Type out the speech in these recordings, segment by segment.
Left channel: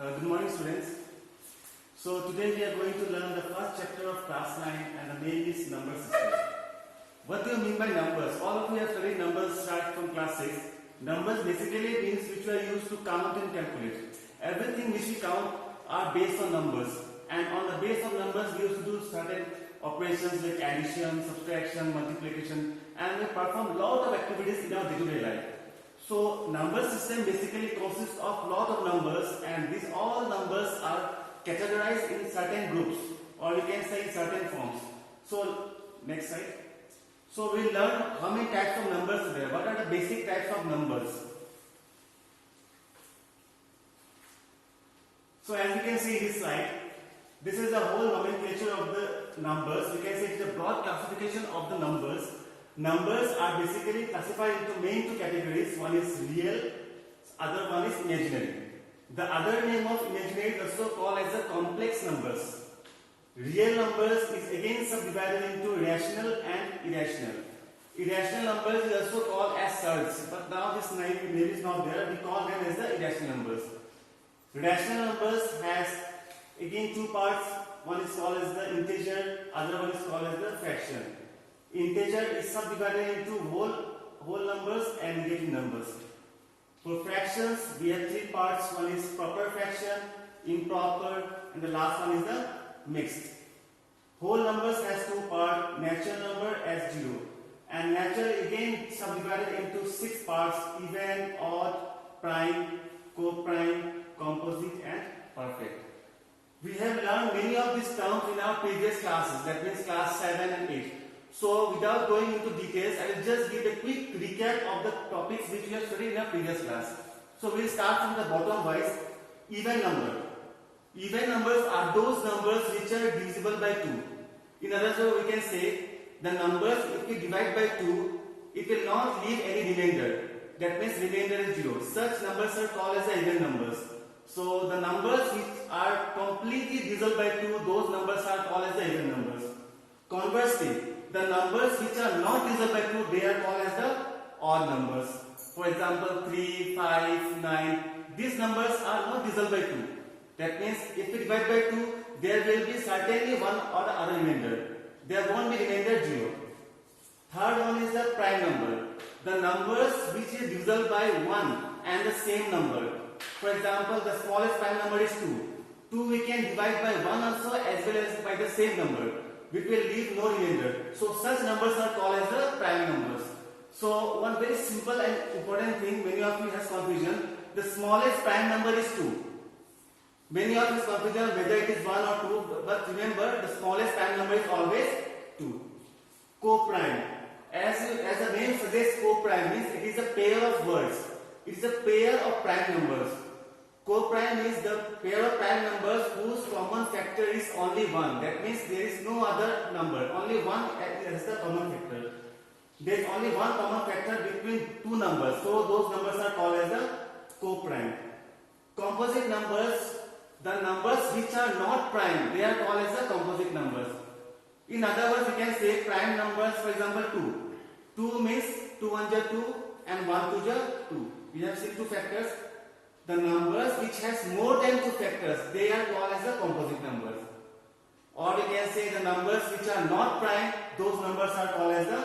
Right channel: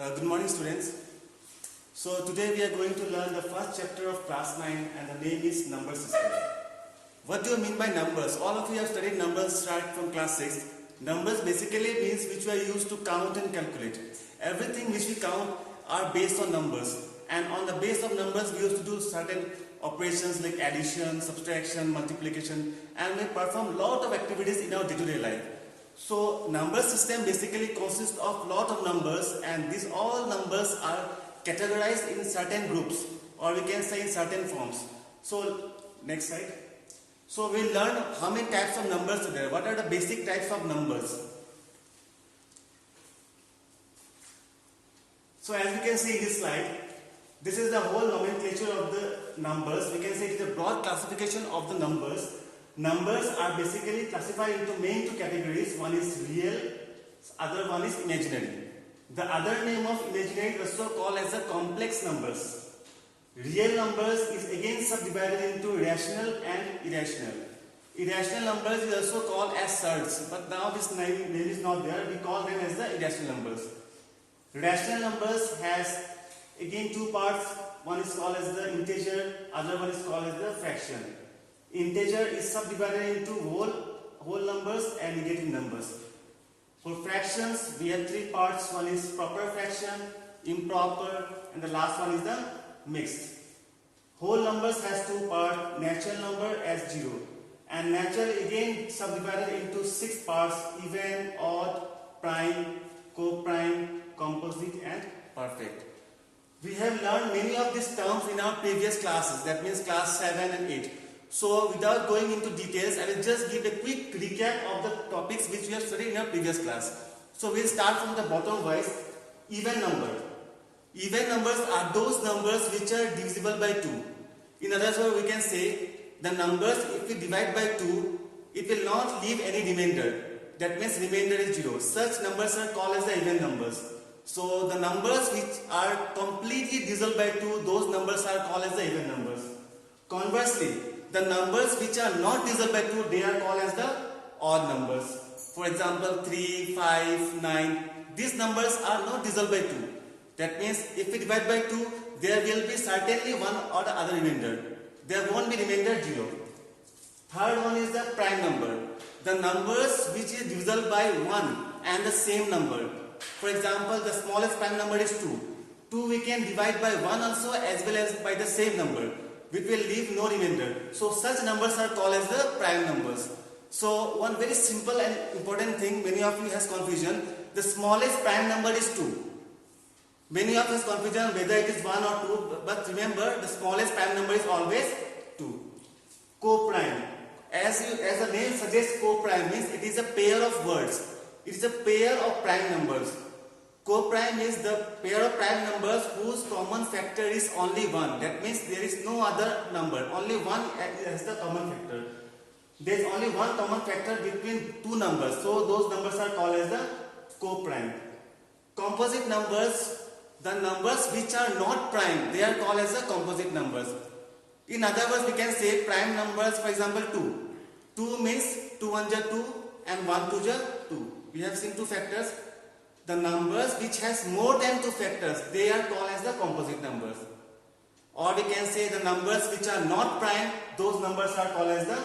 Good morning, students. So today we are going to learn the first chapter of class 9 and the name is number system. What do you mean by numbers? All of you have studied numbers start from class 6. Numbers basically means which we are used to count and calculate. Everything which we count are based on numbers, and on the base of numbers we used to do certain operations like addition, subtraction, multiplication, and we perform lot of activities in our day-to-day life. So number system basically consists of lot of numbers, and these all numbers are categorized in certain groups, or we can say in certain forms. So next slide. So we'll learn how many types of numbers are there. What are the basic types of numbers? So as we can see in this slide, this is the whole nomenclature of the numbers. We can say it is a broad classification of the numbers. Numbers are basically classified into main two categories. One is real, other one is imaginary. The other name of imaginary is also called as the complex numbers. Real numbers is again subdivided into rational and irrational. Irrational numbers is also called as surds, but now this name is not there. We call them as the irrational numbers. Rational numbers has again two parts. One is called as the integer, other one is called as the fraction. Integer is subdivided into whole numbers and negative numbers. For fractions, we have three parts. One is proper fraction, improper, and the last one is the mixed. Whole numbers has two parts, natural number as 0, and natural again subdivided into 6 parts: even, odd, prime, co-prime, composite, and perfect. We have learned many of these terms in our previous classes, that means class 7 and 8. So without going into details, I will just give a quick recap of the topics which we have studied in our previous class. So we will start from the bottom wise. Even number. Even numbers are those numbers which are divisible by 2. In other words, we can say the numbers, if we divide by 2, it will not leave any remainder. That means remainder is 0. Such numbers are called as the even numbers. So the numbers which are completely divisible by 2, those numbers are called as the even numbers. Conversely, the numbers which are not divisible by 2, they are called as the odd numbers. For example, 3, 5, 9. These numbers are not divisible by 2. That means if we divide by 2, there will be certainly one or the other remainder. There won't be remainder 0. Third one is the prime number. The numbers which is divisible by 1 and the same number. For example, the smallest prime number is 2. 2 we can divide by 1 also as well as by the same number, which will leave no remainder. So such numbers are called as the prime numbers. So one very simple and important thing, many of you has confusion. The smallest prime number is 2. Many of us confusion whether it is 1 or 2, but remember the smallest prime number is always 2. Co-prime. As the name suggests, co-prime means it is a pair of words. It is a pair of prime numbers. Co-prime is the pair of prime numbers whose common factor is only 1. That means there is no other number. Only 1 is the common factor. There is only one common factor between two numbers. So those numbers are called as the co-prime. Composite numbers, the numbers which are not prime, they are called as the composite numbers. In other words, we can say prime numbers, for example 2. 2 means 2 1 ja 2 and 1 2 ja 2. We have seen two factors. The numbers which has more than two factors, they are called as the composite numbers. Or we can say the numbers which are not prime, those numbers are called as the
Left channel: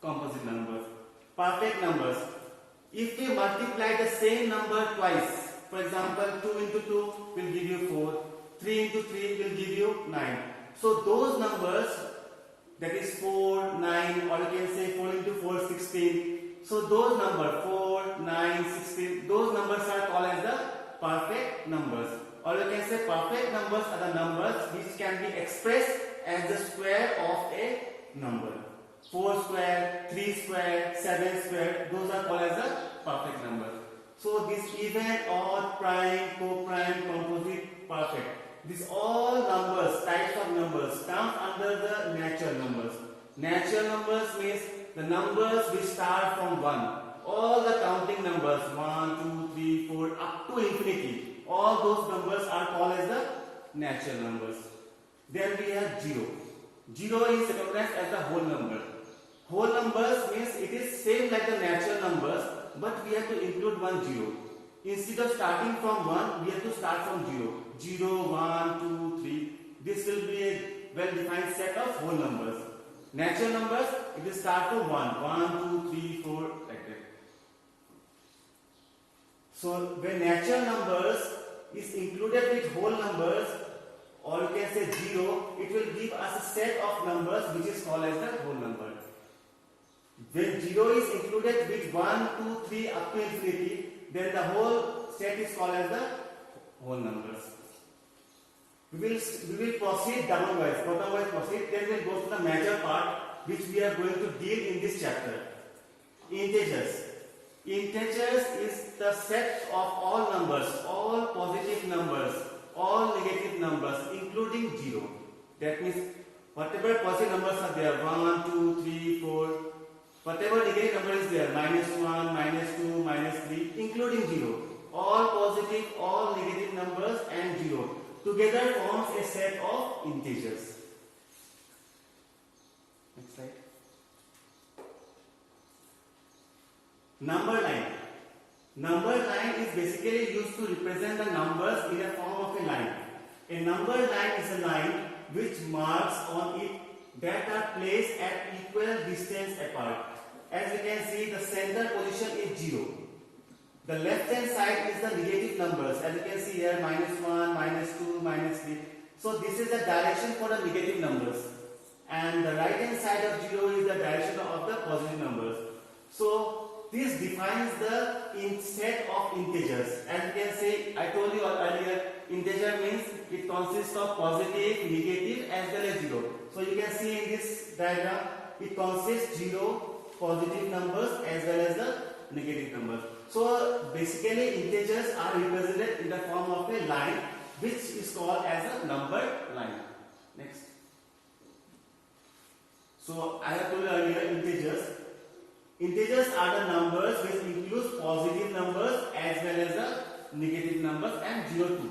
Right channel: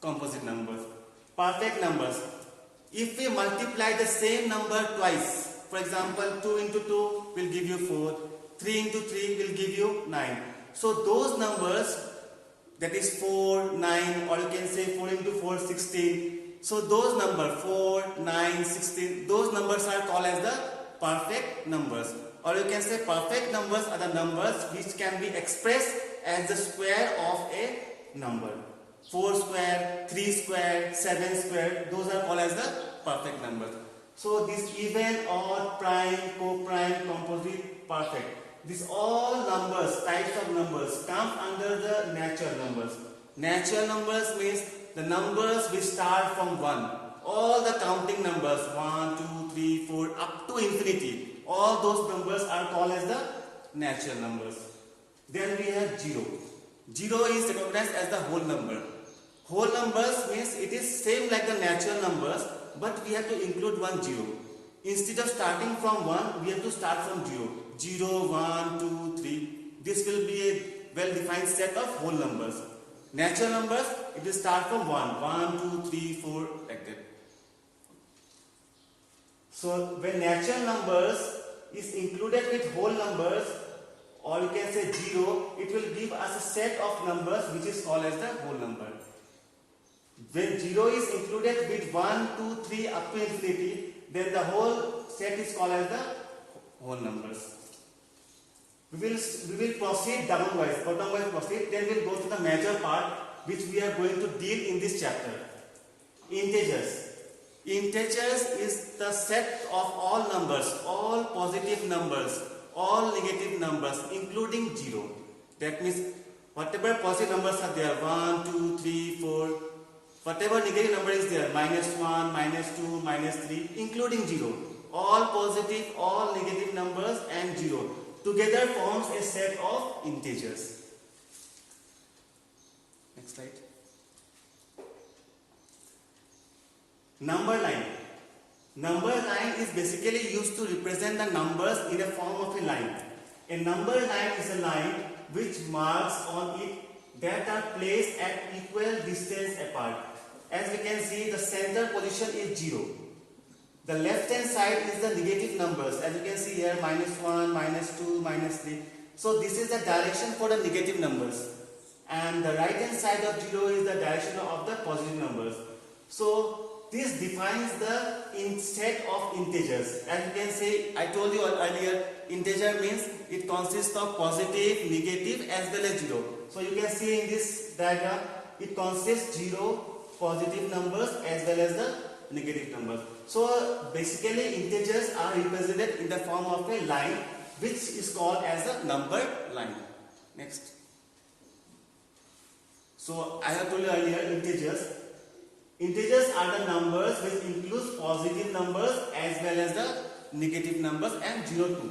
composite numbers. Perfect numbers. If we multiply the same number twice, for example 2 into 2 will give you 4, 3 into 3 will give you 9. So those numbers, that is 4, 9, or you can say 4 into 4, 16. So those numbers 4, 9, 16, those numbers are called as the perfect numbers. Or you can say perfect numbers are the numbers which can be expressed as the square of a number. 4 square, 3 square, 7 square, those are called as the perfect numbers. So this even, odd, prime, co-prime, composite, perfect. These all numbers, types of numbers, come under the natural numbers. Natural numbers means the numbers which start from 1. All the counting numbers, 1, 2, 3, 4, up to infinity. All those numbers are called as the natural numbers. Then we have 0. 0 is recognized as the whole number. Whole numbers means it is same like the natural numbers, but we have to include one 0. instead of starting from 1, we have to start from 0. 0, 1, 2, 3. This will be a well-defined set of whole numbers. Natural numbers, it will start from 1. 1, 2, 3, 4, like that. So when natural numbers is included with whole numbers, or you can say 0, it will give us a set of numbers which is called as the whole number. When 0 is included with 1, 2, 3 up to infinity, then the whole set is called as the whole numbers. We will proceed downwise, bottom-wise proceed, then we will go to the major part which we are going to deal in this chapter. Integers. Integers is the set of all numbers, all positive numbers, all negative numbers, including 0. That means whatever positive numbers are there, 1, 2, 3, 4, whatever negative number is there, -1, -2, -3, including 0. All positive, all negative numbers and 0 together forms a set of integers. Next slide. Number line. Number line is basically used to represent the numbers in a form of a line. A number line is a line which marks on it that are placed at equal distance apart. As we can see, the center position is 0. The left hand side is the negative numbers. As you can see here, -1, -2, -3. So this is the direction for the negative numbers. And the right hand side of 0 is the direction of the positive numbers. So this defines the set of integers. As you can see, I told you earlier, integer means it consists of positive, negative as well as 0. So you can see in this diagram, it consists 0 positive numbers as well as the negative numbers. So basically integers are represented in the form of a line which is called as a number line. Next. So I have told you earlier, integers are the numbers which includes positive numbers as well as the negative numbers and 0 too.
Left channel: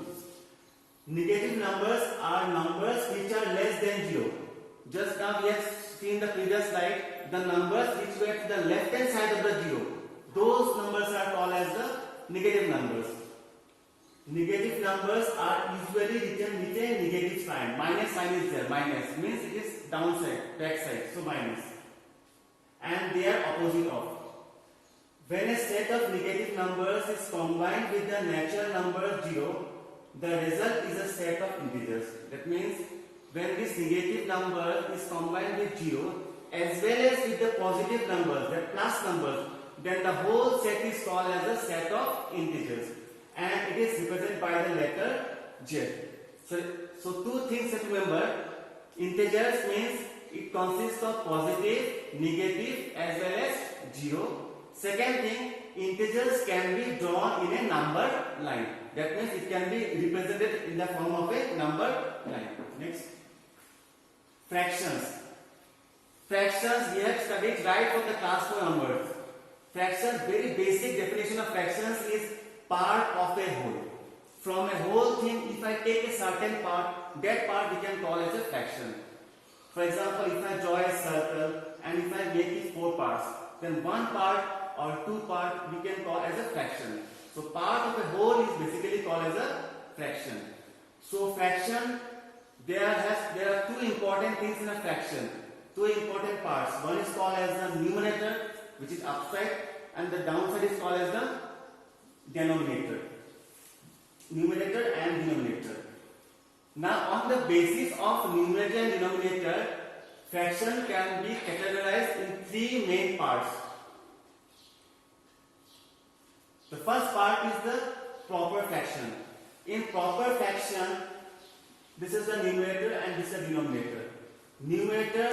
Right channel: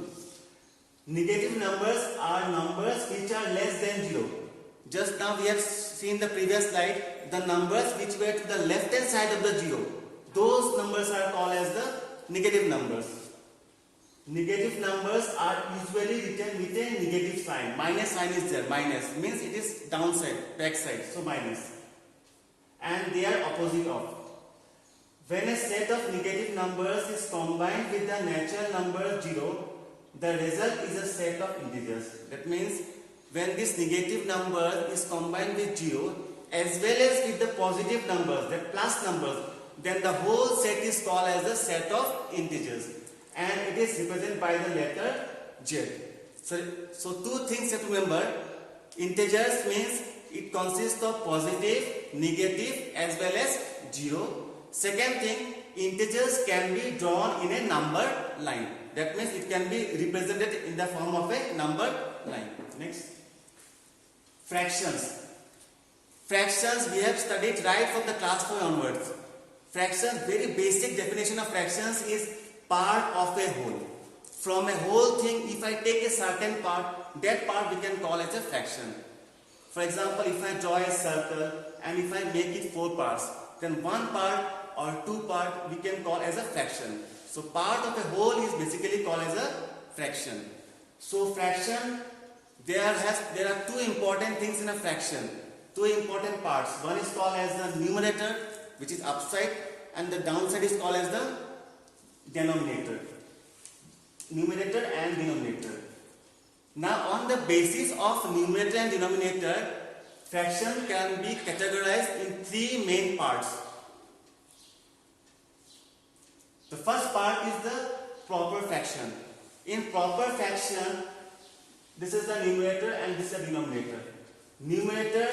Negative numbers are numbers which are less than 0. Just now we have seen the previous slide, the numbers which were to the left hand side of the 0. Those numbers are called as the negative numbers. Negative numbers are usually written with a negative sign. Minus sign is there. Minus means it is downside, back side. So minus. And they are opposite of. When a set of negative numbers is combined with the natural number 0, the result is a set of integers. That means when this negative number is combined with 0 as well as with the positive numbers, the plus numbers, then the whole set is called as the set of integers. And it is represented by the letter Z. So two things you have to remember. Integers means it consists of positive, negative as well as 0. Second thing, integers can be drawn in a number line. That means it can be represented in the form of a number line. Next. Fractions. Fractions we have studied right from the class 4 onwards. Fractions, very basic definition of fractions is part of a whole. From a whole thing, if I take a certain part, that part we can call as a fraction. For example, if I draw a circle and if I make it 4 parts, then one part or 2 part we can call as a fraction. So part of a whole is basically called as a fraction. So fraction, there are two important things in a fraction. Two important parts. One is called as the numerator, which is upside, and the downside is called as the denominator. Numerator and denominator. Now on the basis of numerator and denominator, fraction can be categorized in 3 main parts. The first part is the proper fraction. In proper fraction, this is the numerator and this is the denominator. Numerator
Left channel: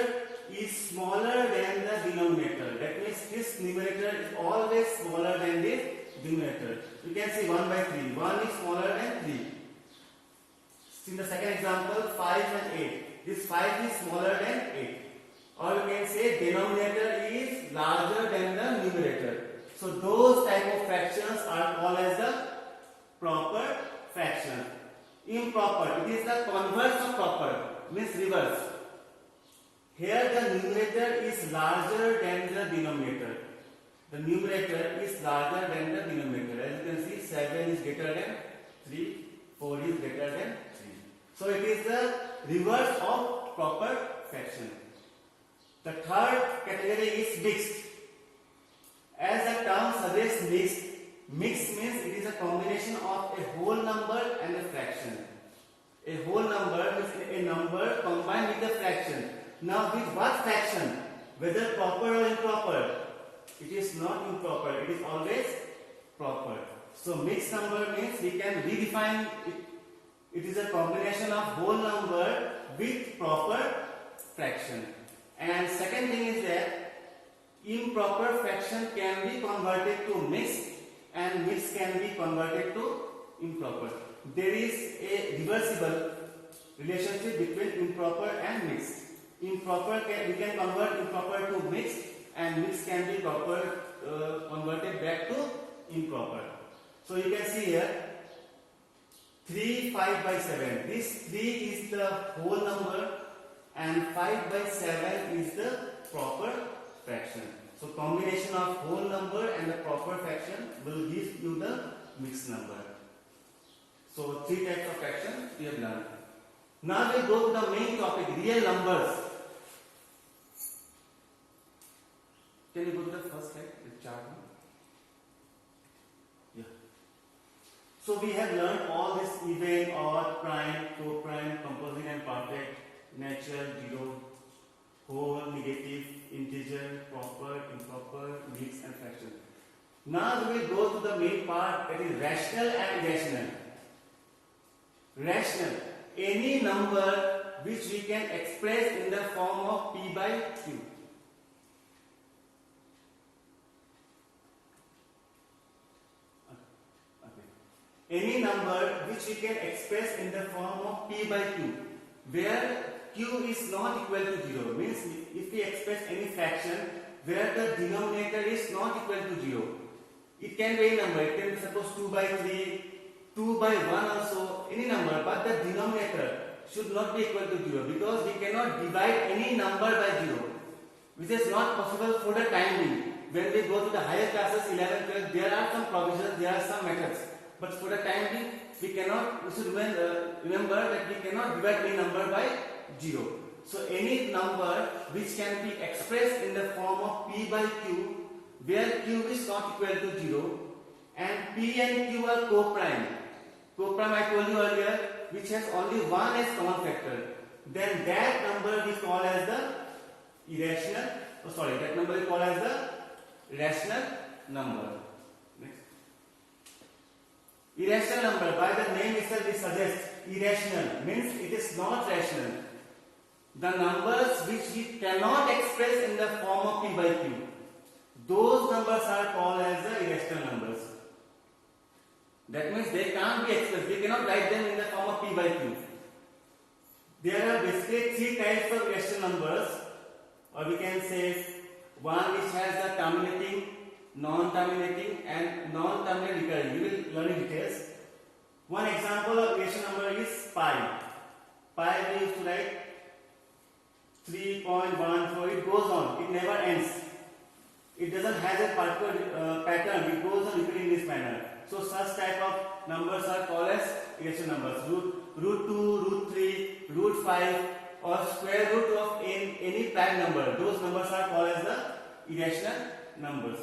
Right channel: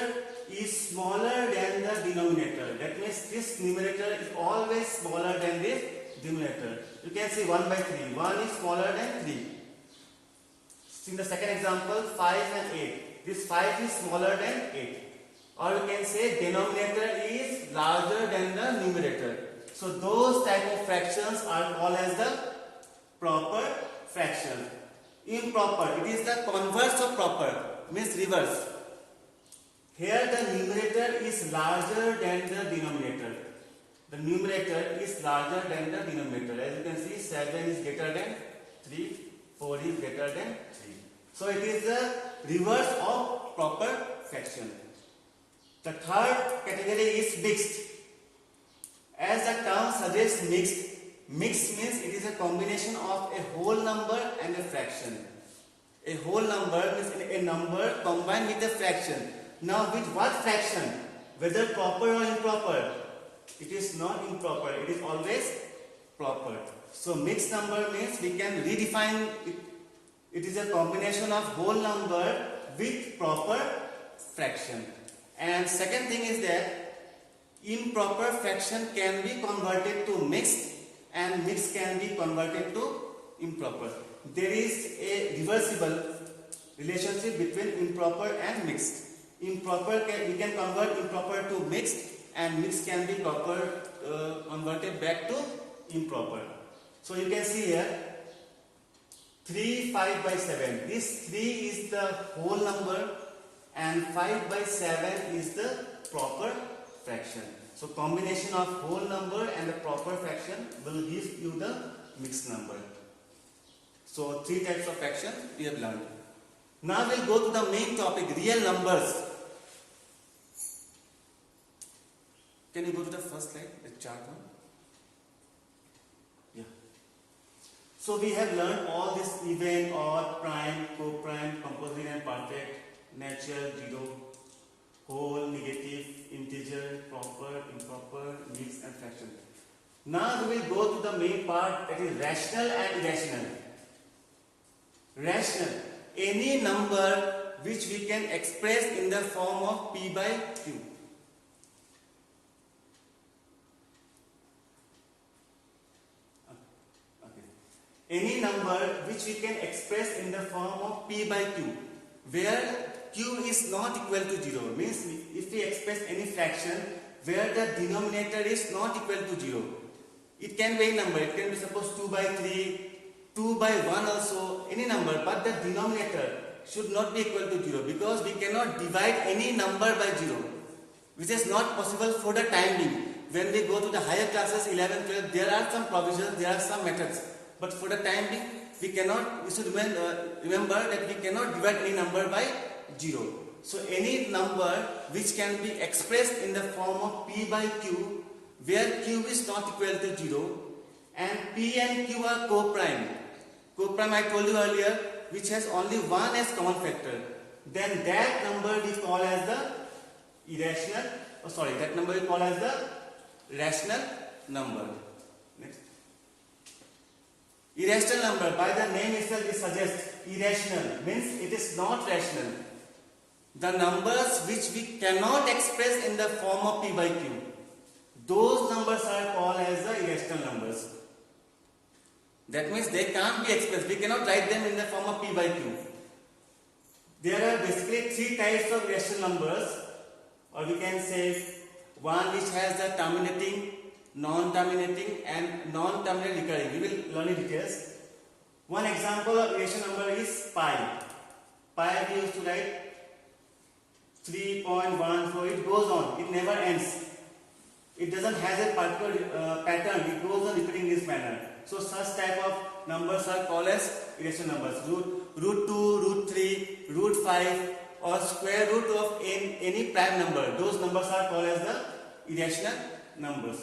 is smaller than the denominator. That means this numerator is always smaller than this denominator. You can see 1 by 3. 1 is smaller than 3. In the second example, 5 and 8. This 5 is smaller than 8. Or you can say denominator is larger than the numerator. So those type of fractions are called as the proper fraction. Improper, it is the converse of proper, means reverse. Here the numerator is larger than the denominator. the numerator is larger than the denominator. As you can see, 7 is greater than 3, 4 is greater than 3. So it is the reverse of proper fraction. The third category is mixed. As the term suggests, mixed means it is a combination of a whole number and a fraction. A whole number means a number combined with a fraction. Now with what fraction? Whether proper or improper? It is not improper, it is always proper. So mixed number means we can redefine it. It is a combination of whole number with proper fraction. And second thing is that improper fraction can be converted to mixed and mixed can be converted to improper. There is a reversible relationship between improper and mixed. We can convert improper to mixed and mixed can be converted back to improper. So you can see here 3, 5 by 7. This 3 is the whole number and 5 by 7 is the proper fraction. So combination of whole number and the proper fraction will give you the mixed number. So 3 types of fraction we have learned. Now we'll go to the main topic, real numbers. Can you go to the first slide, the chart one? Yeah. So we have learned all this even, odd, prime, co-prime, composite and perfect, natural, zero, whole, negative, integer, proper, improper, mixed and fraction. Now we will go to the main part, that is rational and irrational. Rational, any number which we can express in the form of P by Q. Any number which we can express in the form of P by Q, where Q is not equal to 0, means if we express any fraction where the denominator is not equal to 0, it can be any number, it can be suppose 2 by 3, 2 by 1 also, any number, but the denominator should not be equal to 0 because we cannot divide any number by 0, which is not possible for the time being. When we go to the higher classes, 11, 12, there are some provisions, there are some methods. But for the time being, we should remember that we cannot divide any number by 0. So any number which can be expressed in the form of P by Q, where Q is not equal to 0, and P and Q are co-prime. Co-prime I told you earlier, which has only one as common factor. Then that number we call as the irrational, that number we call as the rational number. Next. Irrational number, by the name itself it suggests irrational, means it is not rational. The numbers which we cannot express in the form of P by Q, those numbers are called as the irrational numbers. That means they can't be expressed, we cannot write them in the form of P by Q. There are basically 3 types of irrational numbers, or we can say one which has the terminating, non-terminating and non-terminating recurring. We will learn in details. One example of irrational number is pi. Pi we used to write 3.14. It goes on, it never ends. It doesn't have a particular pattern, it goes on repeating this manner. So such type of numbers are called as irrational numbers. Root 2, root 3, root 5 or square root of any prime number. Those numbers are called as the irrational numbers.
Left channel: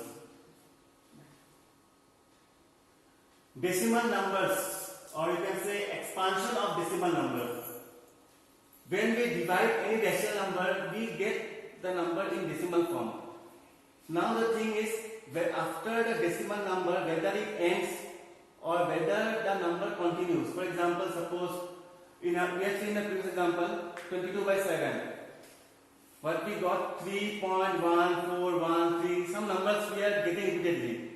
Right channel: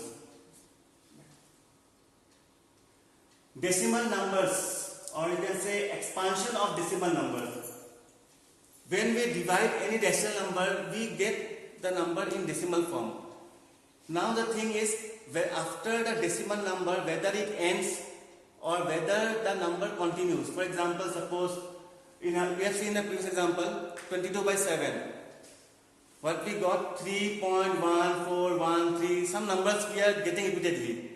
Decimal numbers, or you can say expansion of decimal numbers. When we divide any decimal number, we get the number in decimal form. Now the thing is, after the decimal number, whether it ends or whether the number continues. For example, suppose we have seen the previous example 22 by 7. What we got 3.1413, some numbers we are getting repeatedly.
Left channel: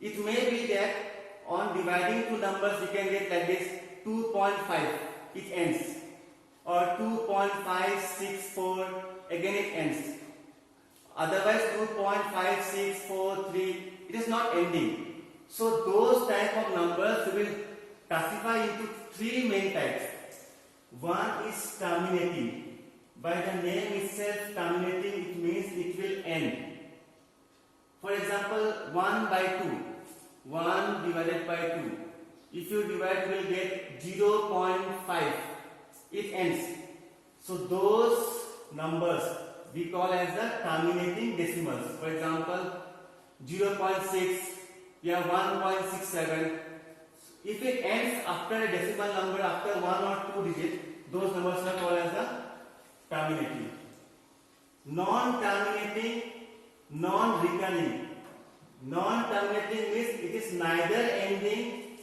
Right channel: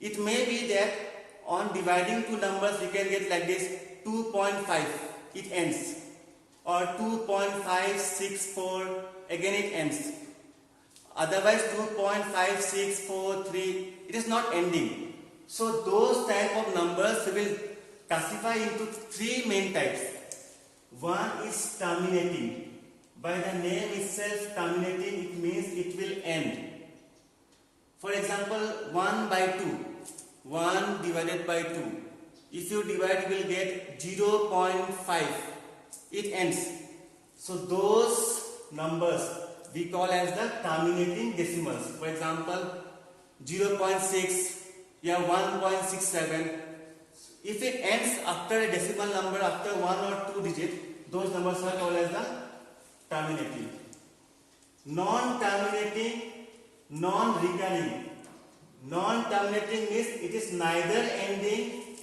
It may be that on dividing two numbers we can get like this 2.5, it ends, or 2.564, again it ends. Otherwise 2.5643, it is not ending. So those type of numbers we will classify into 3 main types. One is terminating. By the name itself, terminating, it means it will end. For example, 1 by 2, 1 divided by 2. If you divide, you will get 0.5. It ends. So those numbers we call as the terminating decimals. For example, 0.6, yeah, 1.67. If it ends after a decimal number, after 1 or 2 digits, those numbers are called as the terminating. Non-terminating, non-recurring. Non-terminating means it is neither ending.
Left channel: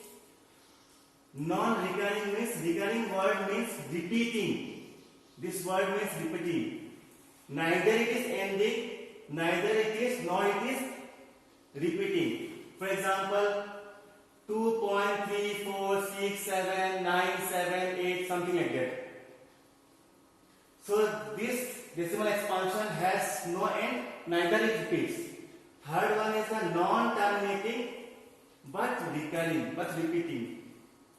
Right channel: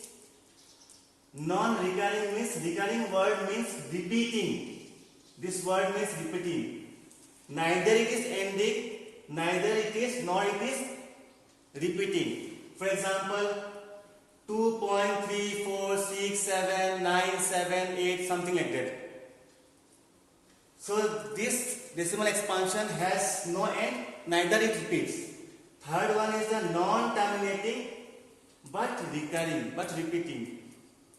Non-recurring means, recurring word means repeating. This word means repeating. Neither it is ending, neither it is, nor it is repeating. For example, 2.3467978, something like that. So this decimal expansion has no end, neither it repeats. Third one is the non-terminating but recurring, but repeating.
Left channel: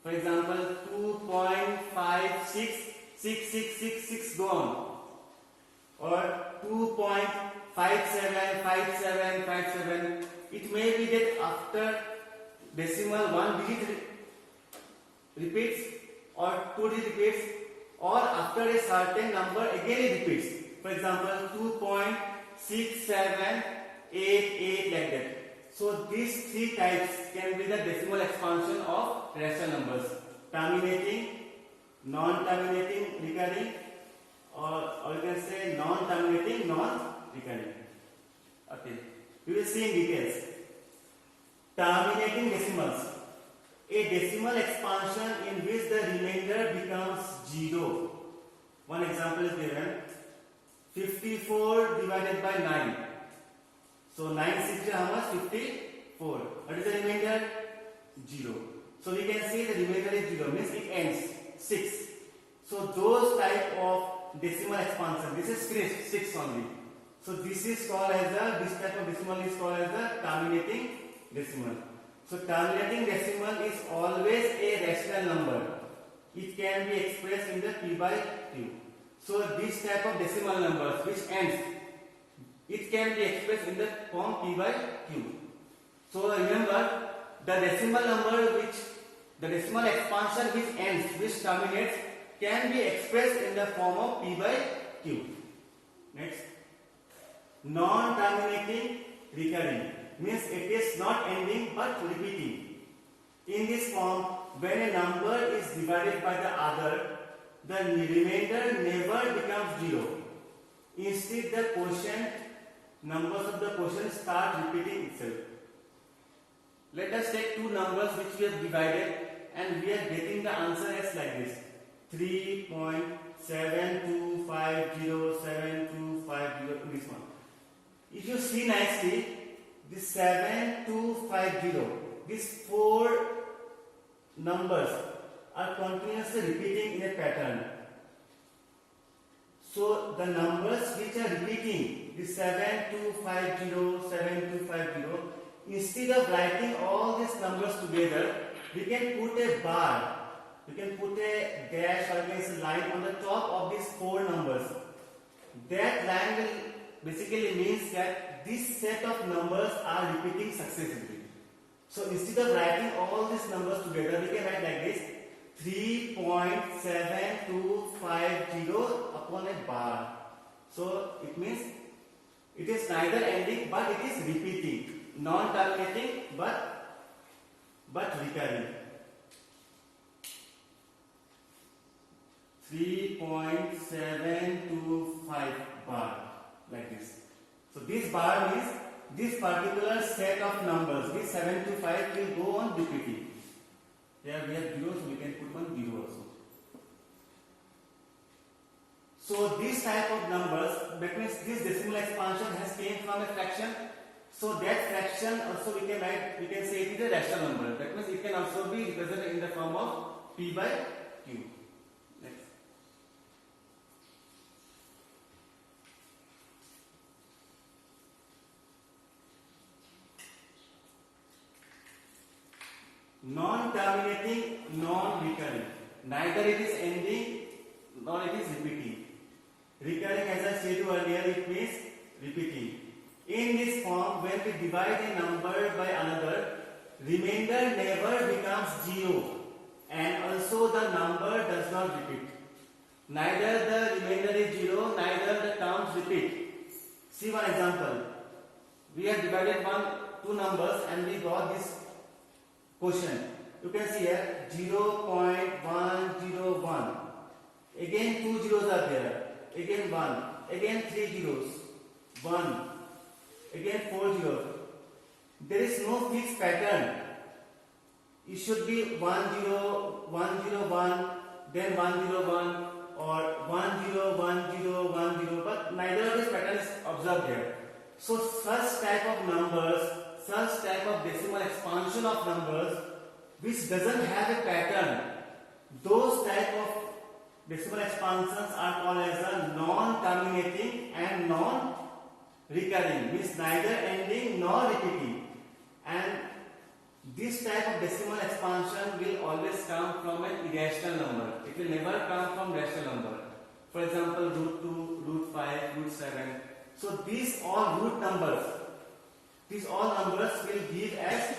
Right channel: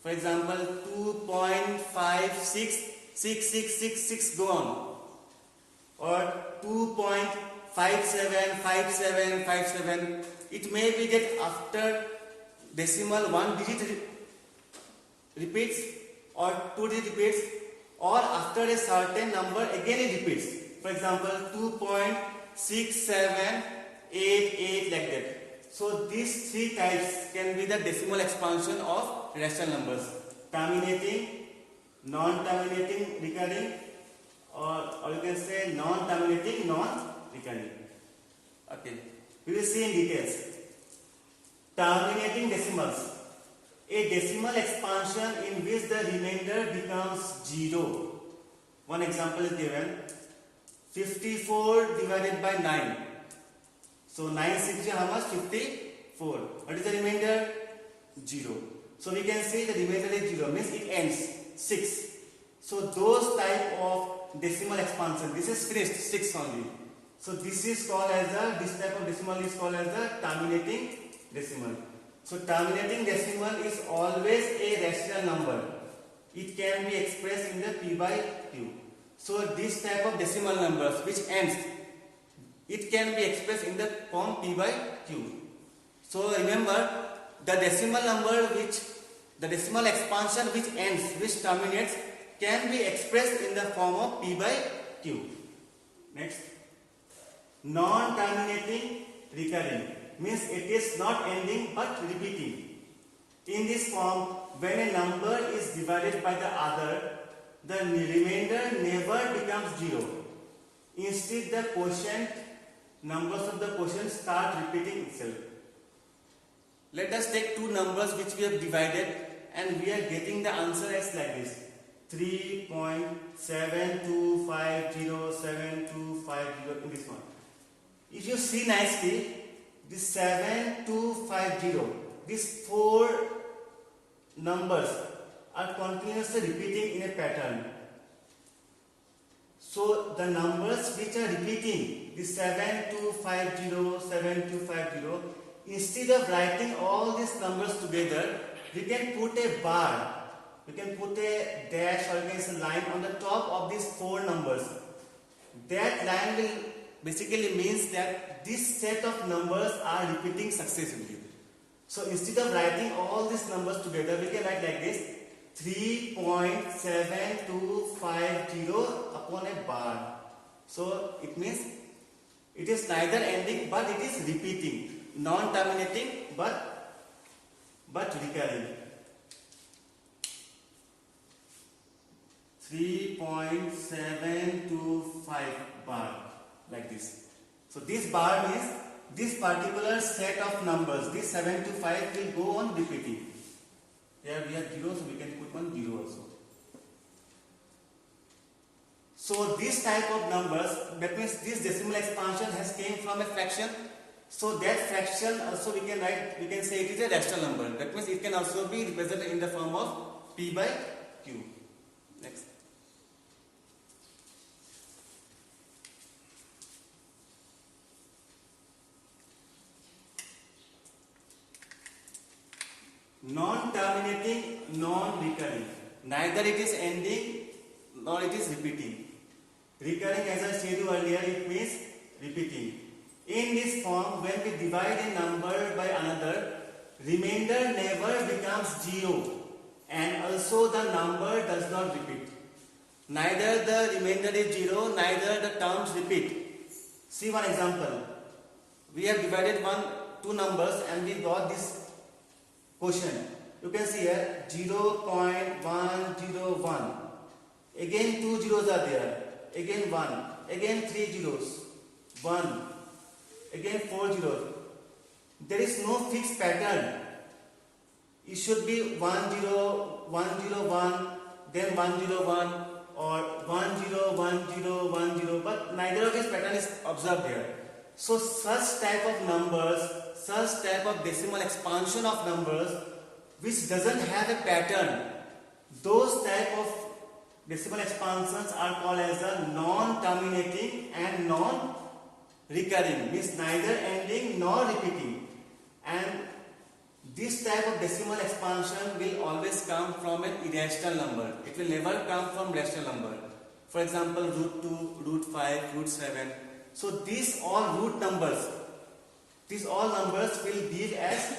For example, 2.566666 go on, or 2.575757. It may be that after decimal 1 digit repeats, or 2 digit repeats, or after a certain number again it repeats. For example, 2.6788, like that. So these three types can be the decimal expansion of rational numbers: terminating, non-terminating, recurring, or you can say non-terminating, non-recurring. Okay, we will see in details. Terminating decimals: a decimal expansion in which the remainder becomes 0. One example is given: 54 divided by 9. So 9 6 how much? 54. What is the remainder? 0. So we can say the remainder is 0, means it ends 6. So those type of decimal expansion, this is finished 6 only. So this is called as this type of decimal is called as the terminating decimal. So terminating decimal is always a rational number. It can be expressed in the p by q. So this type of decimal numbers which ends, it can be expressed in the form p by q. So remember, the decimal number which, the decimal expansion which ends, which terminates, can be expressed in the form of p by q. Next, non-terminating recurring means it is not ending but repeating. In this form, when a number is divided by the other, the remainder never becomes 0. Instead, the quotient, numbers of the quotient start repeating itself. Let us take two numbers which we have divided, and we are getting the answer as like this: 3.72507250 in this one. If you see nicely, this 7250, these four numbers are continuously repeating in a pattern. So the numbers which are repeating, the 7250, instead of writing all these numbers together, we can put a bar, we can put a dash, or we can say line on the top of these four numbers. That line will basically means that this set of numbers are repeating successively. So instead of writing all these numbers together, we can write like this: 3.7250 upon a bar. So it means it is neither ending but it is repeating, non-terminating but recurring. 3.725 bar, like this. So this bar means this particular set of numbers, this 7 to 5 will go on repeating. Here we have 0, so we can put one 0 also. So this type of numbers, that means this decimal expansion has came from a fraction. So that fraction also we can write, we can say it is a rational number. That means it can also be represented in the form of p by q. Next. Non-terminating, non-recurring. Neither it is ending nor it is repeating. Recurring, as I said earlier, it means repeating. In this form, when we divide a number by another, remainder never becomes 0 and also the number does not repeat. Neither the remainder is 0, neither the terms repeat. See one example. We have divided two numbers and we got this quotient. You can see here 0.101. Again 2 zeros are there. Again 1. Again 3 zeros. 1. Again 4 zeros. There is no fixed pattern. It should be 101, then 101 or 101010, but neither of these pattern is observed here. So such type of numbers, such type of decimal expansion of numbers which doesn't have a pattern, those type of decimal expansions are called as a non-terminating and non-recurring, means neither ending nor repeating. And this type of decimal expansion will always come from an irrational number. It will never come from rational number. For example, root 2, root 5, root 7. So these all root numbers, these all numbers will give as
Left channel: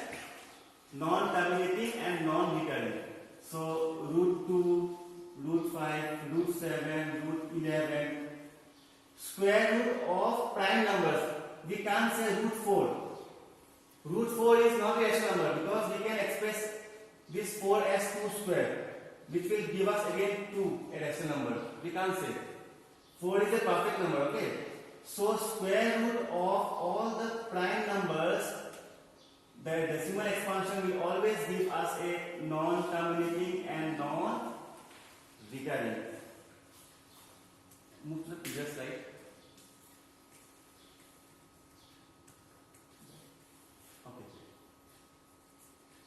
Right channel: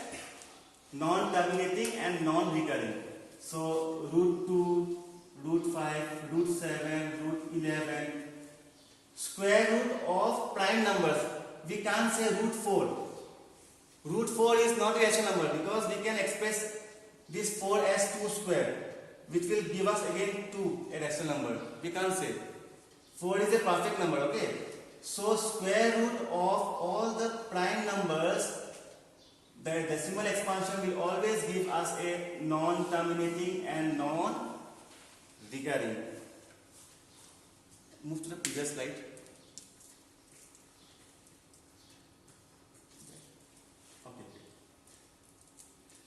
non-terminating and non-recurring. So root 2, root 5, root 7, root 11. Square root of prime numbers, we can't say root 4. Root 4 is not a rational number because we can express this 4 as 2 square, which will give us again 2, a rational number. We can't say. 4 is a perfect number, okay? So square root of all the prime numbers, the decimal expansion will always give us a non-terminating and non-recurring. Move to the previous slide.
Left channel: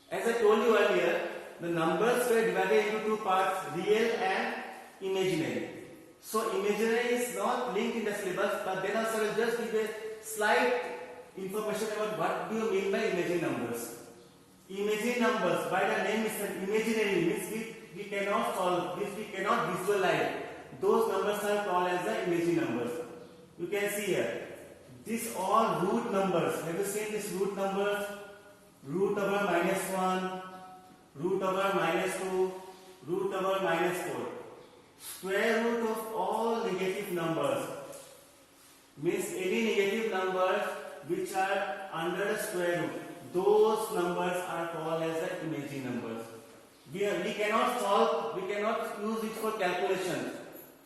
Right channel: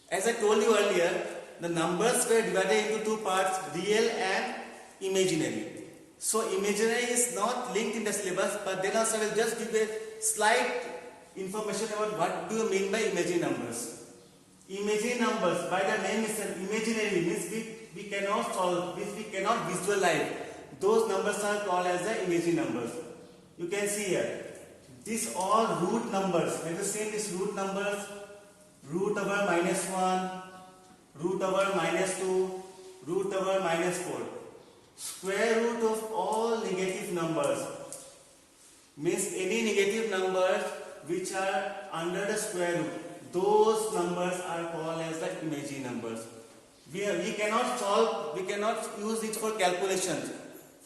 As I told you earlier, the numbers were divided into two parts, real and imaginary. So imaginary is not linked in the syllabus, but then also I will just give a slight information about what do you mean by imaginary numbers. Imaginary numbers, by the name itself, imaginary means we cannot solve, means we cannot visualize. Those numbers are called as the imaginary numbers. You can see here, these all root numbers. Have you seen these root numbers? Root over -1, root over -2, root over -4. Square root of all negative numbers means any negative numbers which are under the square root. Those numbers are called as the imaginary numbers. We cannot solve, we cannot use it for calculations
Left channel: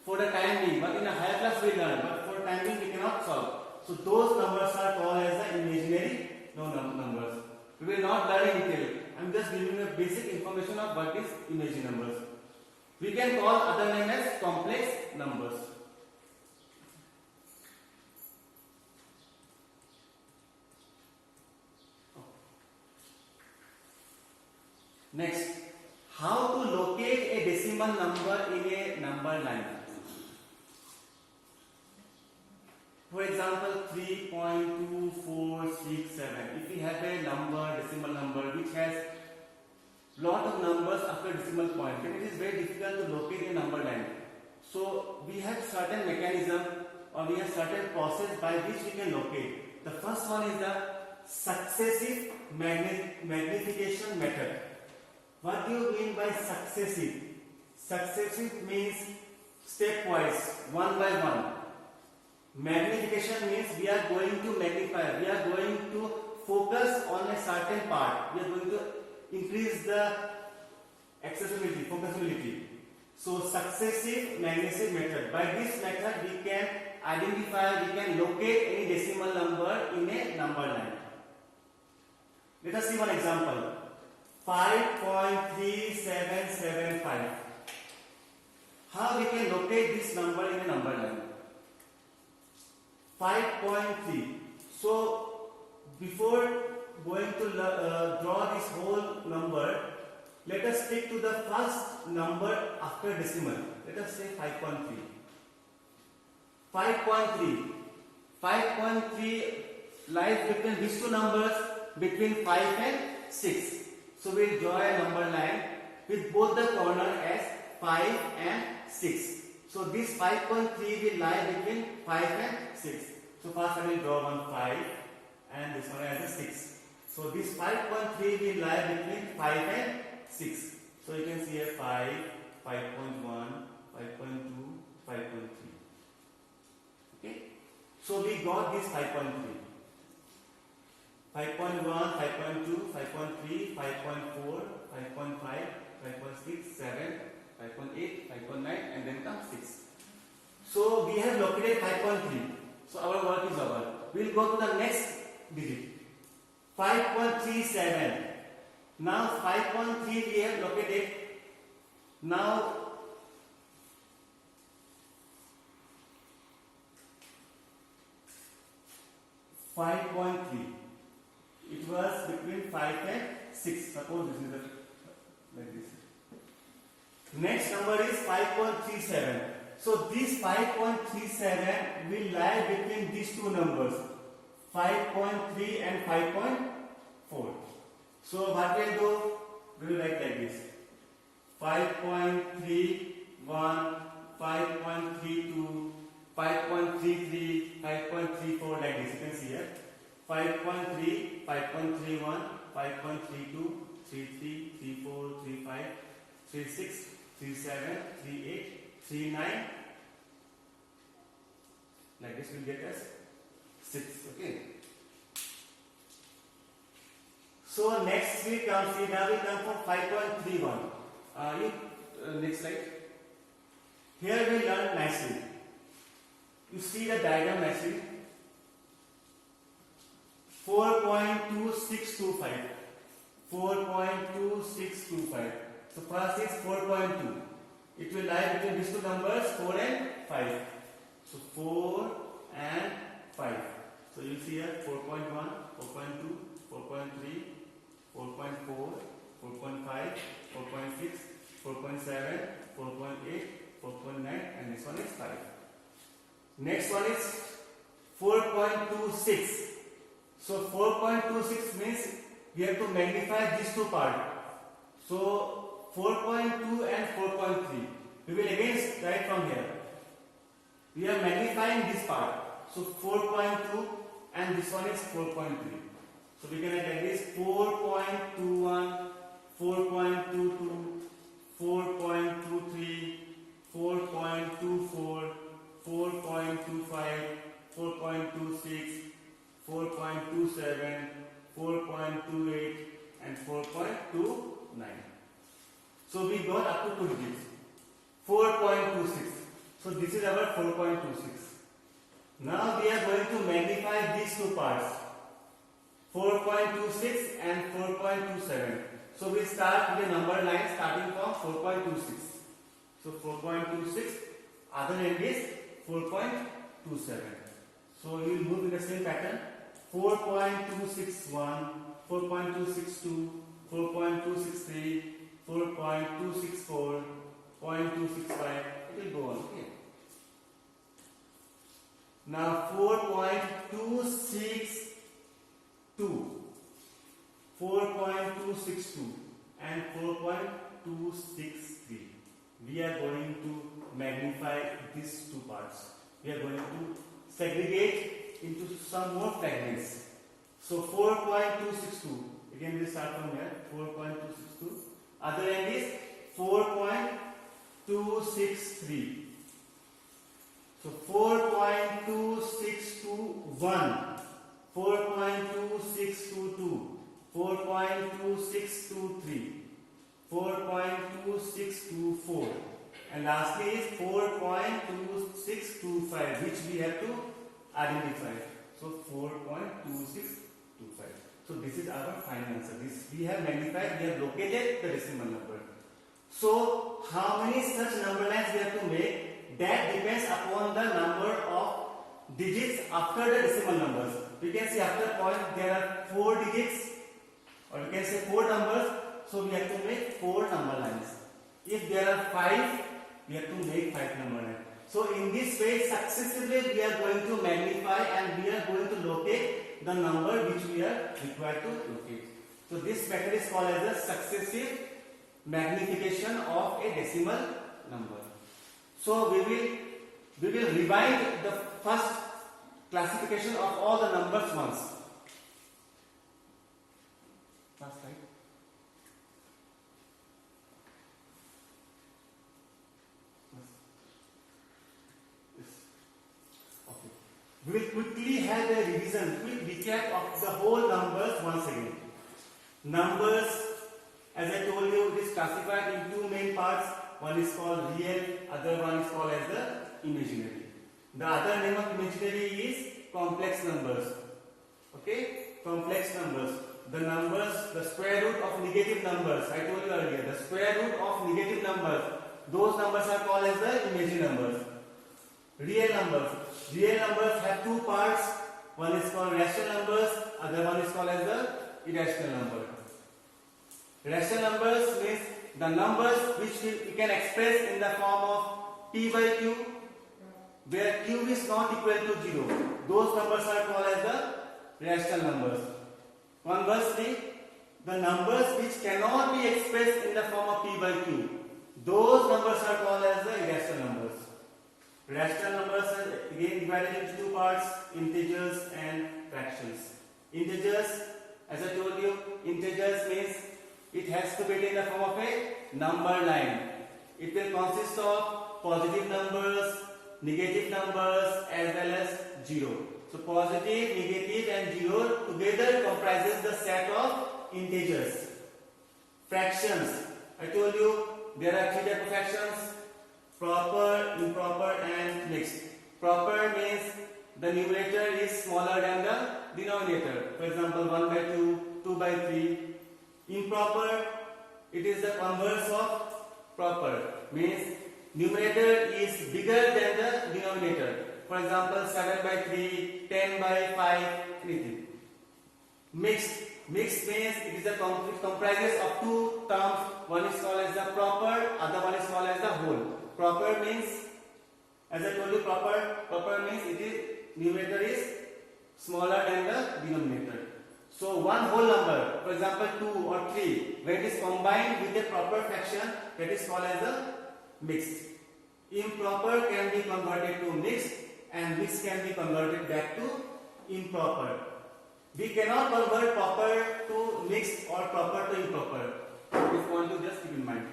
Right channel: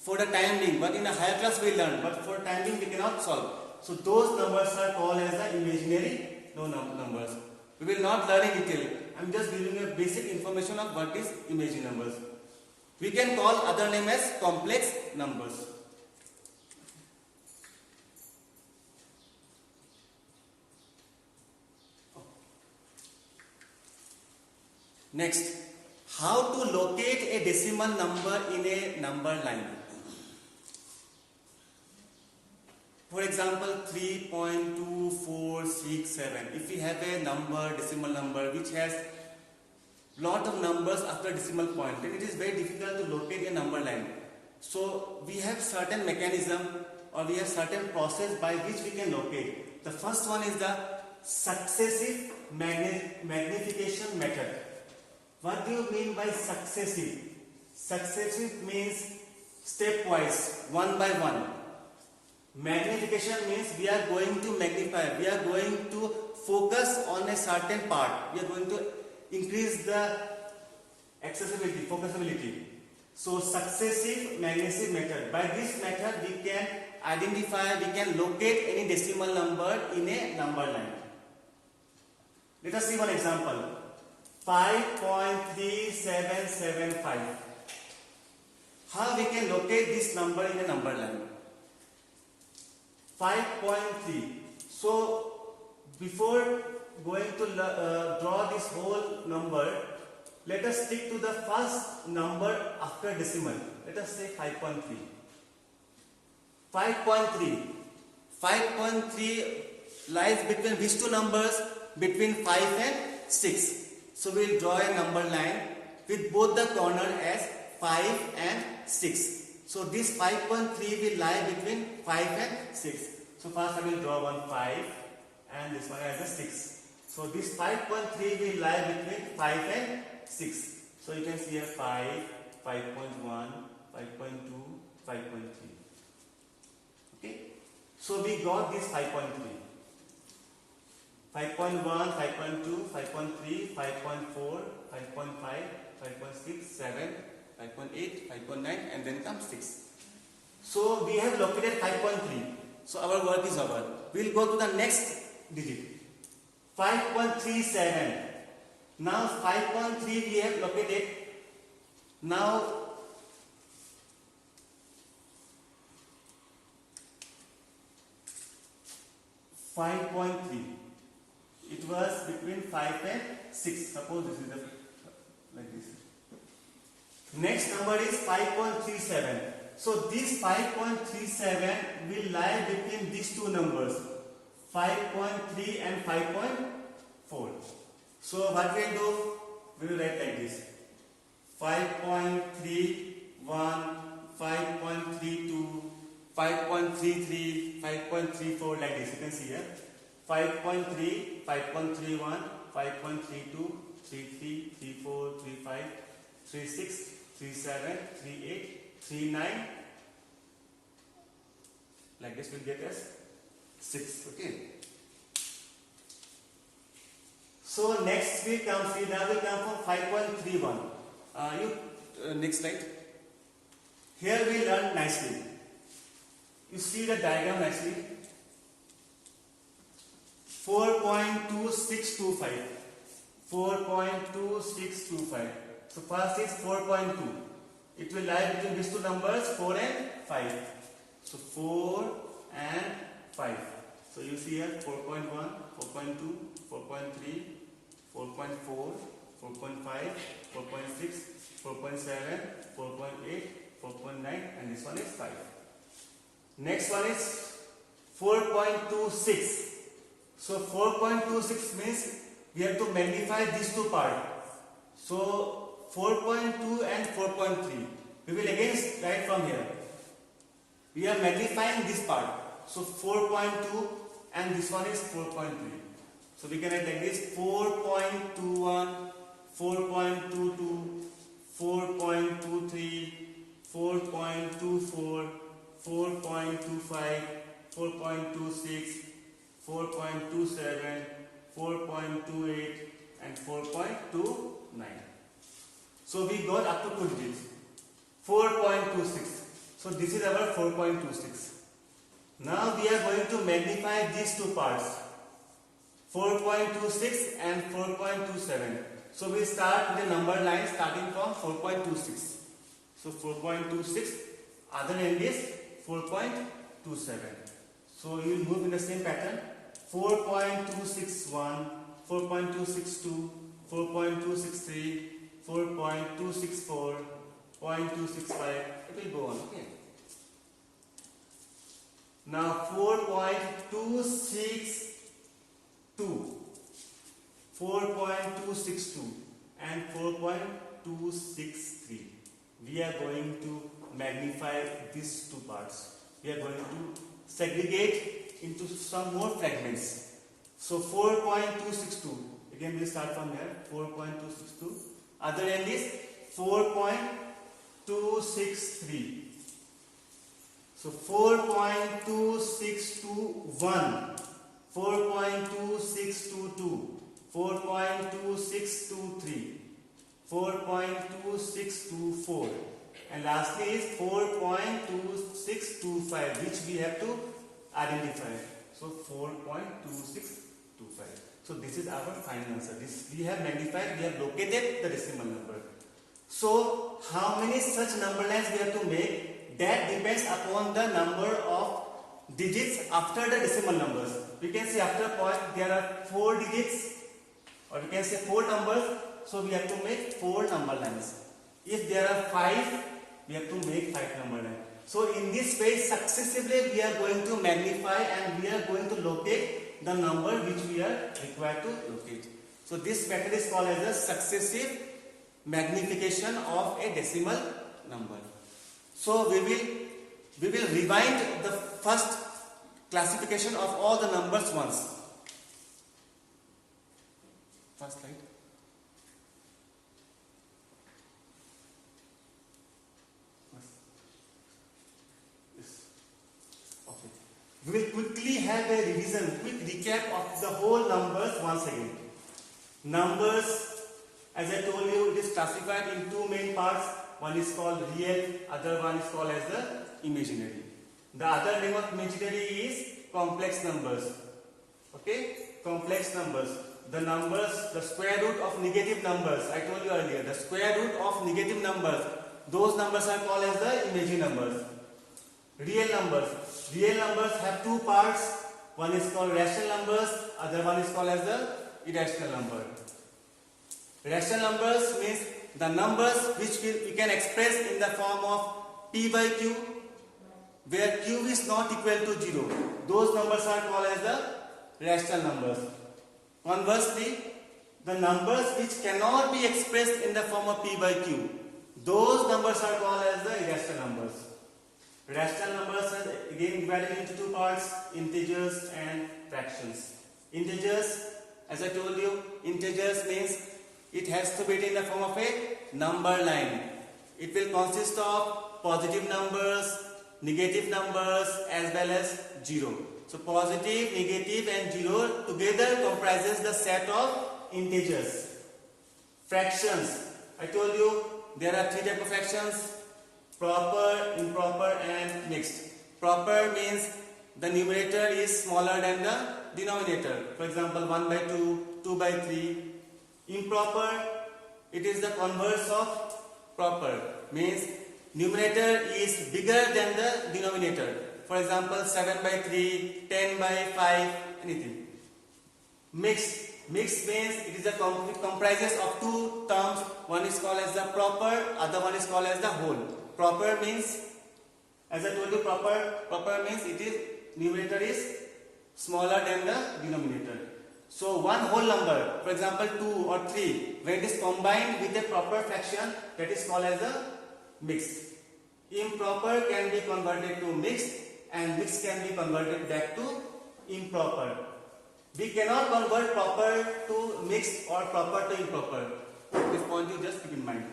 for the time being, but in a higher class we learn, but for time being we cannot solve. So those numbers are called as the imaginary numbers. We will not learn in detail. I am just giving you a basic information of what is imaginary numbers. We can call other name as complex numbers. Next, how to locate a decimal number in a number line. For example, 3.2467. If we have a number, decimal number, which has lot of numbers after decimal point, then it is very difficult to locate a number line. So we have certain mechanism or we have certain process by which we can locate. The first one is the successive magnification method. What do you mean by successive? Successive means stepwise, one by one. Magnification means we are going to magnify, we are going to focus on a certain part, we are going to increase the accessibility, focusability. So successive magnification method. By this method we can identify, we can locate any decimal number in a number line. Let us see one example. 5.3775. How we can locate this number in a number line? 5.3. So before going to draw this whole number, let us stick to the first number after decimal. Let us say 5.3. 5.3. 5.3 lies between these two numbers, between 5 and 6. So we will draw a number line with both the corner as 5 and 6. So this 5.3 will lie between 5 and 6. So first I will draw one 5 and this one as a 6. So this 5.3 will lie between 5 and 6. So you can see here 5, 5.1, 5.2, 5.3. Okay. So we got this 5.3. 5.1, 5.2, 5.3, 5.4, 5.5, 5.6, 7, 5.8, 5.9 and then comes 6. So we have located 5.3. So our work is over. We will go to the next digit. 5.37. Now 5.3 we have located. Now it was between 5 and 6. Suppose this is like this. Next number is 5.37. So this 5.37 will lie between these two numbers, 5.3 and 5.4. So what we will do? We will write like this: 5.31, 5.32, 5.33, 5.34, like this. You can see here 5.3, 5.31, 5.32, 33, 34, 35, 36, 37, 38, 39, like this will get us 6. Okay. So next we come, see now we come from 5.31. Next slide. Here we learn nicely. You see the diagram nicely. 4.2625. 4.2625. So first is 4.2. It will lie between these two numbers, 4 and 5. So 4 and 5. So you see here 4.1, 4.2, 4.3, 4.4, 4.5, 4.6, 4.7, 4.8, 4.9 and this one is 5. Next one is 4.26. So 4.26 means we have to magnify these two parts. So 4.2 and 4.3. We will again write from here. We are magnifying this part. So 4.2 and this one is 4.3. So we can write like this: 4.21, 4.22, 4.23, 4.24, 4.25, 4.26, 4.27, 4.28 and 4.29. So we got up to 2 digits. 4.26. So this is our 4.26. Now we are going to magnify these two parts, 4.26 and 4.27. So we start with the number line starting from 4.26. So 4.26, other end is 4.27. So you will move in the same pattern. 4.261, 4.262, 4.263, 4.264, 0.265. It will go on. Okay. Now 4.262, 4.262 and 4.263. We are going to magnify these two parts. We are going to segregate into some more fragments. So 4.262. Again we start from here. 4.262. Other end is 4.263. So 4.2621, 4.2622, 4.2623, 4.2624 and lastly is 4.2625, which we have to identify. So 4.2625. So this is our final answer. This we have magnified, we have located the decimal number. So how many such number lines we have to make? That depends upon the number of digits after the decimal numbers. We can see after point there are 4 digits, or we can say 4 numbers. So we have to make 4 number lines. If there are 5, we have to make 5 number lines. So in this way successively we are going to magnify and we are going to locate the number which we are required to locate. So this method is called as a successive magnification of a decimal number. So we will rewind the first classification of all the numbers once. First slide. Okay. We will quickly have a revision, quick recap of the whole numbers once again. Numbers, as I told you, it is classified in two main parts. One is called real, other one is called as the imaginary. The other name of imaginary is complex numbers. Okay, complex numbers. The numbers, the square root of negative numbers. I told you earlier, the square root of negative numbers. Those numbers are called as the imaginary numbers. Real numbers. Real numbers have two parts. One is called rational numbers. Other one is called as the irrational number. Rational numbers means the numbers which we can express in the form of p by q, where q is not equal to 0. Those numbers are called as the rational numbers. Conversely, the numbers which cannot be expressed in the form of p by q, those numbers are called as the irrational numbers. Rational numbers are again divided into two parts, integers and fractions. Integers, as I told you, integers means it has to be in the form of a number line. It will consist of positive numbers, negative numbers as well as 0. So positive, negative and 0 together comprises the set of integers. Fractions, I told you there are three types of fractions: proper, improper and mixed. Proper means the numerator is smaller than the denominator. For example, 1 by 2, 2 by 3. Improper, it is the converse of proper, means numerator is bigger than the denominator. For example, 7 by 3, 10 by 5, anything. Mixed. Mixed means it comprises of two terms. One is called as the proper, other one is called as the whole. Proper means, as I told you, proper means it is numerator is smaller than the denominator. So one whole number, for example 2 or 3, when it is combined with a proper fraction, that is called as a mixed. Improper can be converted to mixed and mixed can be converted back to improper. We cannot convert proper to mixed or proper to improper. This point you just keep in mind.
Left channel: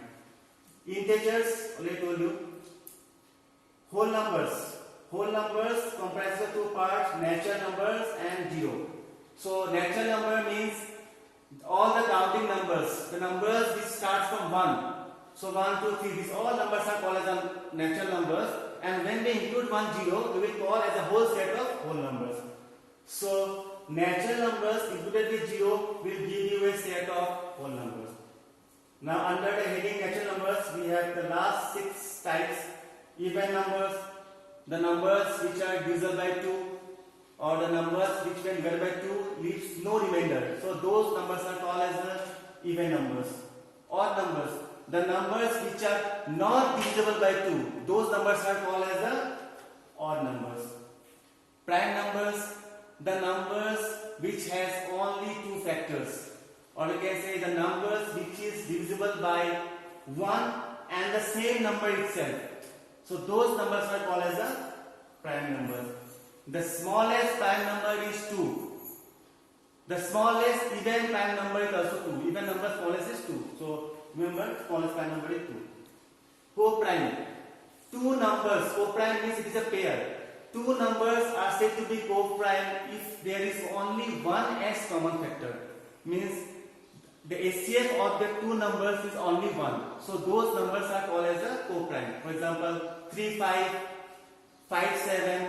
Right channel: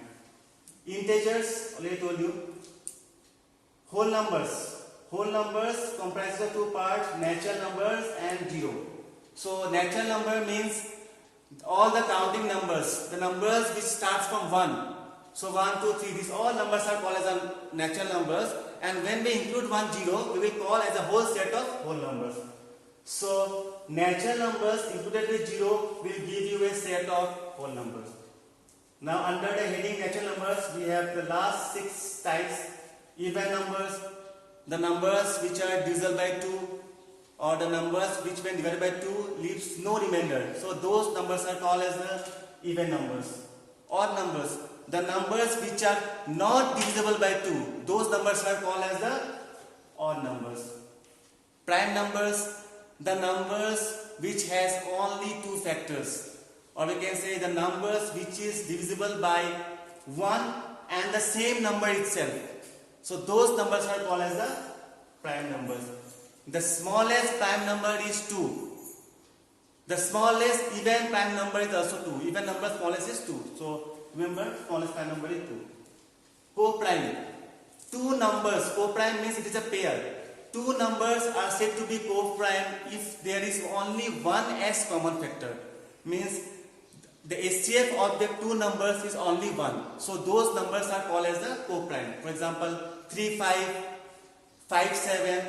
Integers, already told you. Whole numbers. Whole numbers comprise of two parts, natural numbers and 0. So natural number means all the counting numbers, the numbers which starts from 1. So 1, 2, 3, these all numbers are called as natural numbers, and when we include 1 0, we will call as a whole set of whole numbers. So natural numbers included with 0 will give you a set of whole numbers. Now under the heading natural numbers, we have the last 6 types. Even numbers, the numbers which are divisible by 2, or the numbers which when divided by 2 leaves no remainder. So those numbers are called as the even numbers. Odd numbers, the numbers which are not divisible by 2, those numbers are called as the odd numbers. Prime numbers, the numbers which has only 2 factors, or we can say the numbers which is divisible by 1 and the same number itself. So those numbers are called as the prime numbers. The smallest prime number is 2. The smallest even prime number is also 2. Even number smallest is 2. So remember, smallest prime number is 2. Co-prime. Two numbers, co-prime means it is a pair. Two numbers are said to be co-prime if there is only one s common factor. Means the HCF of the two numbers is only 1. So those numbers are called as the co-prime. For example, 3, 5, 5, 7,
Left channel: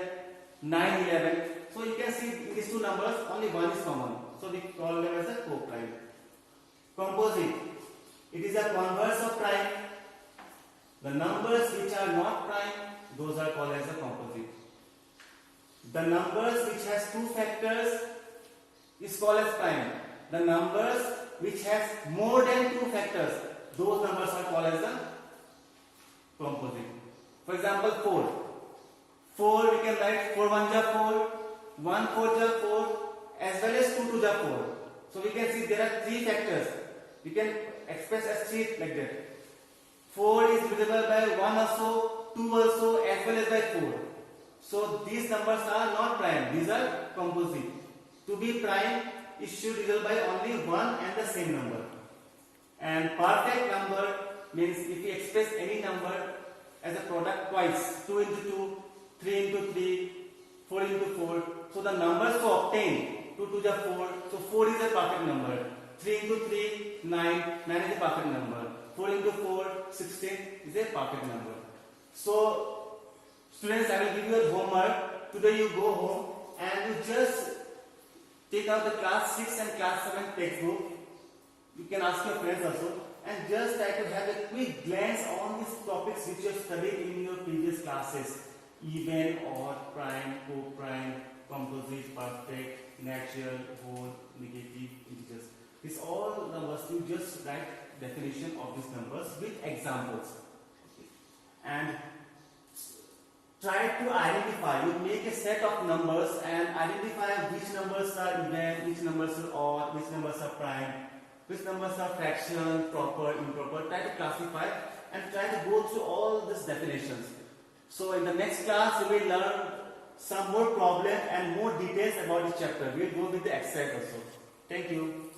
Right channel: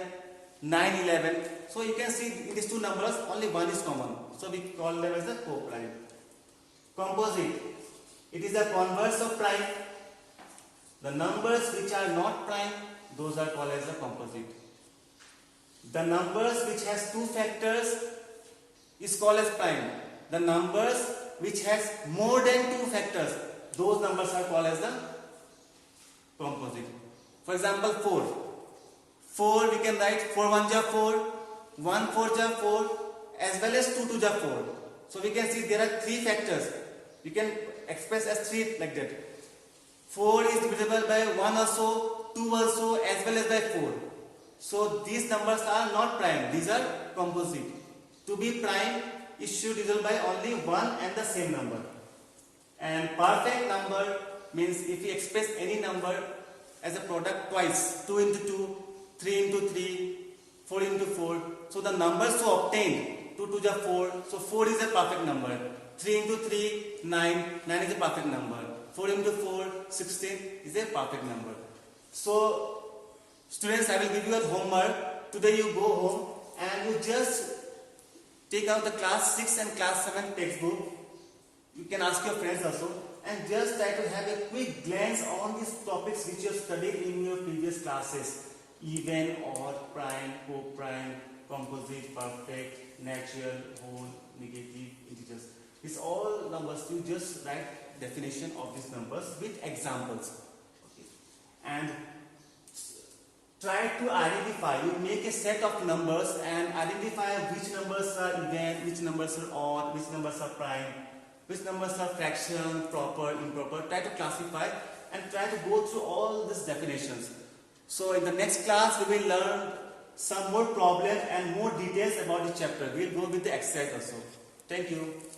9, 11. So you can see in these two numbers only one is common. So we call them as the co-prime. Composite. It is a converse of prime. The numbers which are not prime, those are called as the composite. The numbers which has 2 factors is called as prime. The numbers which has more than 2 factors, those numbers are called as the composite. For example, 4. 4 we can write 4 1 ja 4, 1 4 ja 4, as well as 2 2 ja 4. So we can see there are 3 factors. You can express as 3 like that. 4 is divisible by 1 also, 2 also, as well as by 4. So these numbers are not prime, these are composite. To be prime, it should result by only one and the same number. And perfect number means if we express any number as a product twice, 2 into 2, 3 into 3, 4 into 4. So the numbers to obtain, 2 to the 4, so 4 is a perfect number. 3 into 3, 9, 9 is a perfect number. 4 into 4, 16 is a perfect number. So students, I will give you a homework. Today you go home and you just take out the class 6 and class 7 textbook. You can ask your friends also and just try to have a quick glance on these topics which you have studied in your previous classes. Even, odd, prime, co-prime, composite, perfect, natural, whole, negative, integers. These all numbers, you just write definition of these numbers with examples. Okay. And try to identify, you make a set of numbers and identify which numbers are even, which numbers are odd, which numbers are prime, which numbers are fraction, proper, improper. Try to classify and try to go through all these definitions. So in the next class we will learn some more problems and more details about the chapter. We will go with the exercise also. Thank you.